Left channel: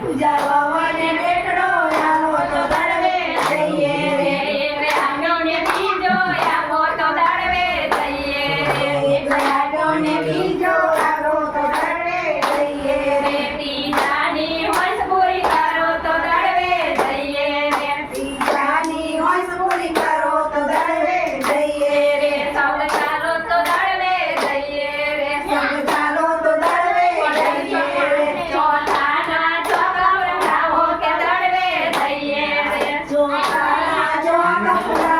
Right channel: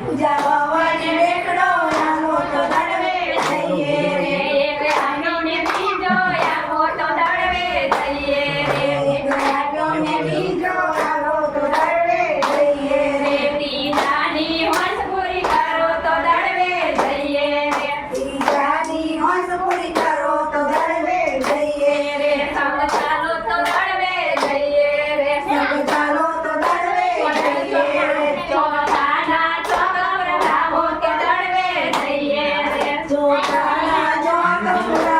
Pooja Bhavan Thank you.